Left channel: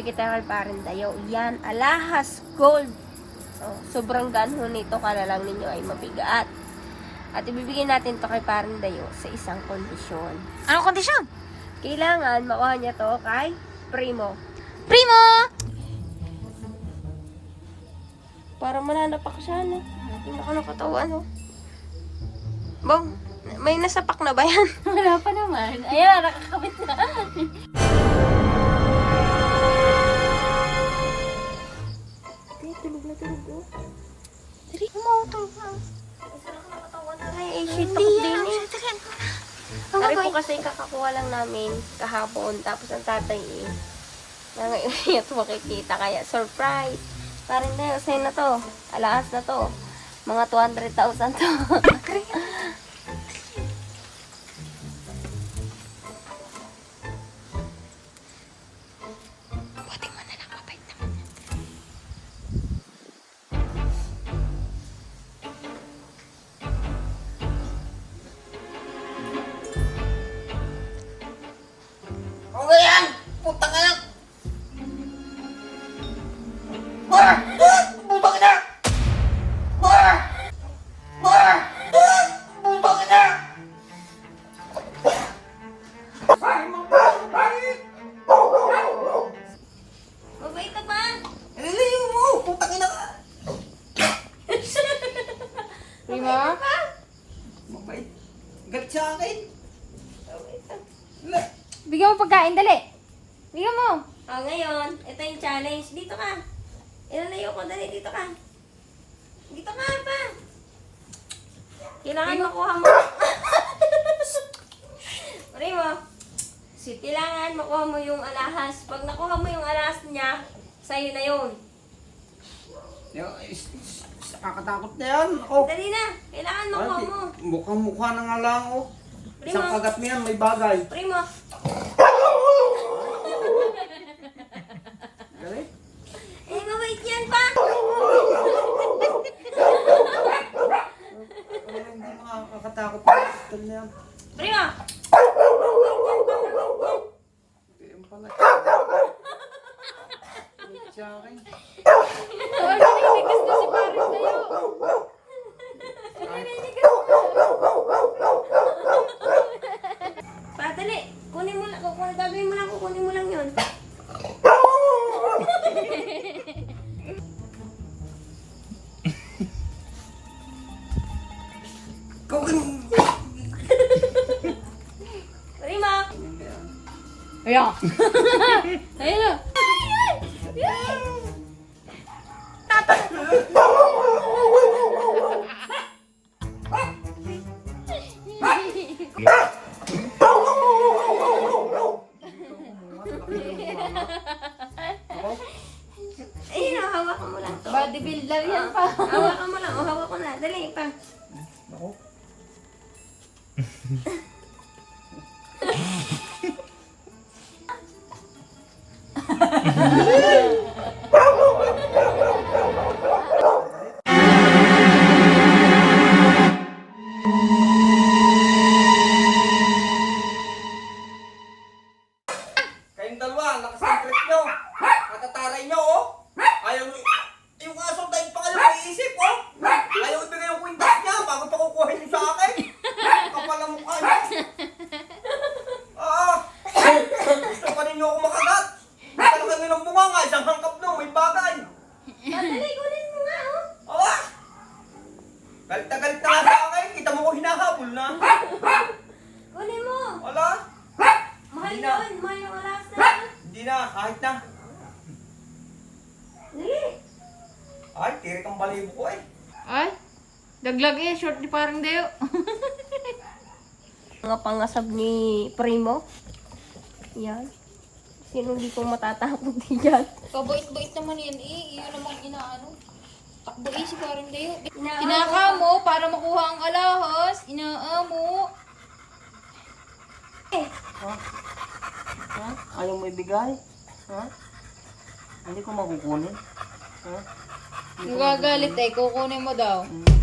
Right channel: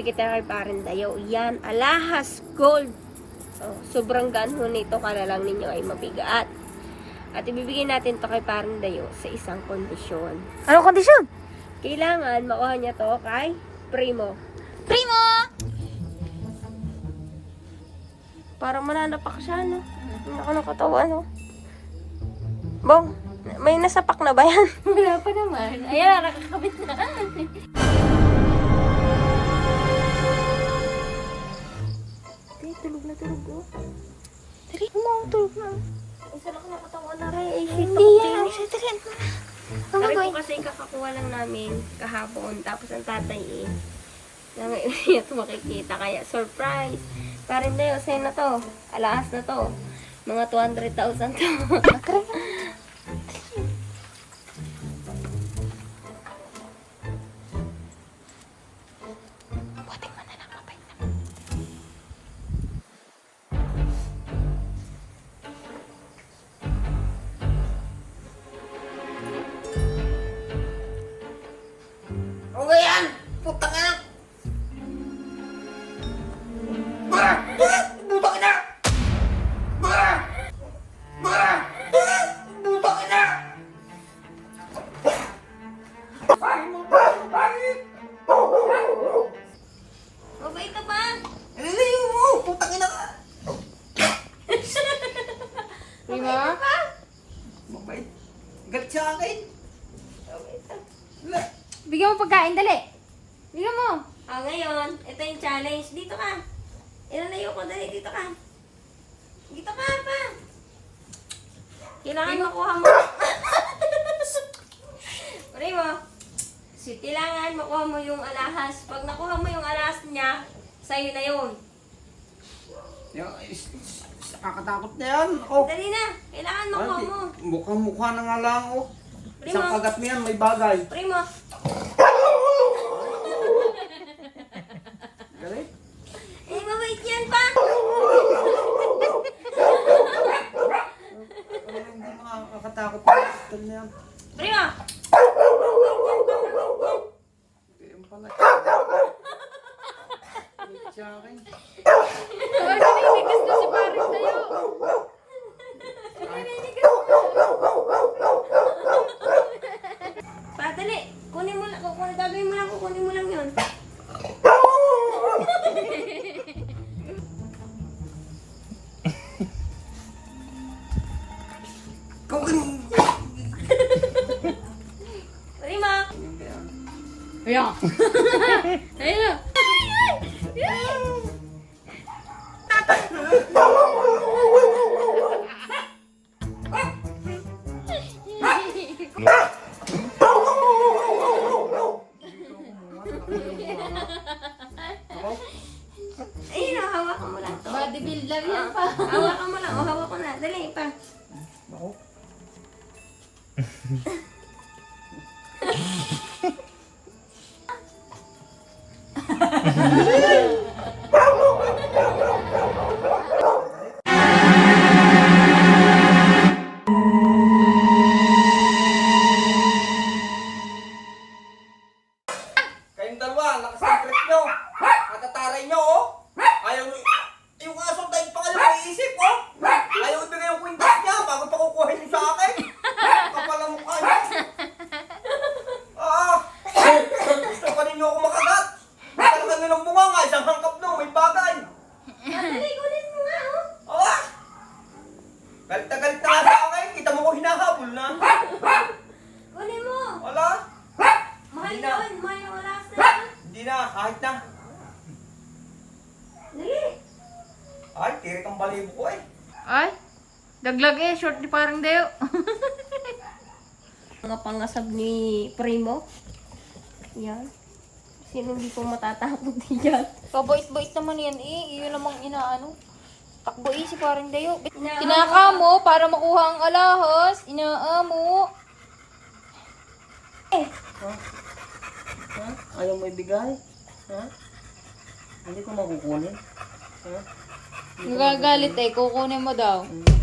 ibibigay tayo kay Parindayo. Yan, alahas gold. Oh, sobrang ganho nito, kala lang ninyo ay mabigat. At ibibigay natin to kay Parindayo sa isang kondisyon. Anong kondisyon? Kailangan makuha niya to kay Primo. Primo! Para mananapak siya, no? Hindi ako nakatawa, no? Bong, may nasapak na ba yan? Wala pa naman. Ayan, nakakabit na. Tulog na tulog, oh. Tari mo, tulog na. Isa lang nakatawa na rin. Ay, shit, Hindi din yan. eh. Tari, Ang Ang gagawin gagawin? ko kasi kakakuha lang namin kahapon. Tapos ang tatay eh. Ngayon makikita. Kaya surprise. Parang na yun. Sa'yo na to. Alaas na to. Mga 200,000 to. Buti mo na lang, mabait naman. Ano yan? Puta ka lang! Bah! Puta ka na! Bah! Bah! Puta ka na! Mabait ka ba? Naliliw mo! Puta ka na ka! Primo? Mabait. Galit sa akin. Wala. Bigyan mo pagkain, dali. Bigyan mo. Ngayon, ito yung challenge. Dito ka. Ilalayo ko. Dali, dito ka. Dito ka pa. Kailangan makuha mo. Primo. Kailangan makuha mo yung alahas. Pag nakuha mo yung alahas niya, sa'yo na yun. Nakakatakot na yan. Oh. Dali na. Kailangan makuha mo. Mukhang-mukha na nga lang, oh. Primo. Isang kagat mo yan, may bagay. Primo. Galit? Eh, mabait yan pa. Hindi makakatakot na. Ito na yan. Primo. Yan pala. Galit sa akin. Padali. Kunin mo lang. Gagawin mo lang. Kukunin mo lang yun. Primo. Ayan. Ayun na. Ayun na. Hawakan mo lang to. Bodybuilder yan pa. Hawakan mo lang. O, hawak ko na. Dali pa. Ako? Kayong dalawa, lakas ng trip nyo. Matataray nyo, oh. Ayaw nyo. Yung aso tayo pa kayo maiisip, oh. Ayaw ibigay yung kwintas niya bago pa kukuhin nyo sa akin. Kapal ang mukha nyo. Gusto pa ninyo ako makagat. Talaga nilang bunga nga, isang hangkap nyo, may bagay. Dali, kunin mo nga, oh. Galit na nga sa akin. Kita mo ko hinahabol na. Kunin mo. Wala. Mahal Hindi na. yun. Mahal yung alas na yun. Hindi na, kahit na. Dali. Ay, tirik ang balibo ko eh. Ay, daglag eh. Short ni parang Deo. Mga pangasab ni Primo. Yan. Sino hindi ko matatakot diyan? Kabait-bait naman yan eh. Iyon namang inaano. Takbo eh si parang Deo. Inaamo Pinaka mo para makuha ang alahas. Inaamo. Ha? Ayaw mo ibigay? Ha? Hindi ko makukunin. Ha? Gagalit eh. Kukunin mo daw. Hmm.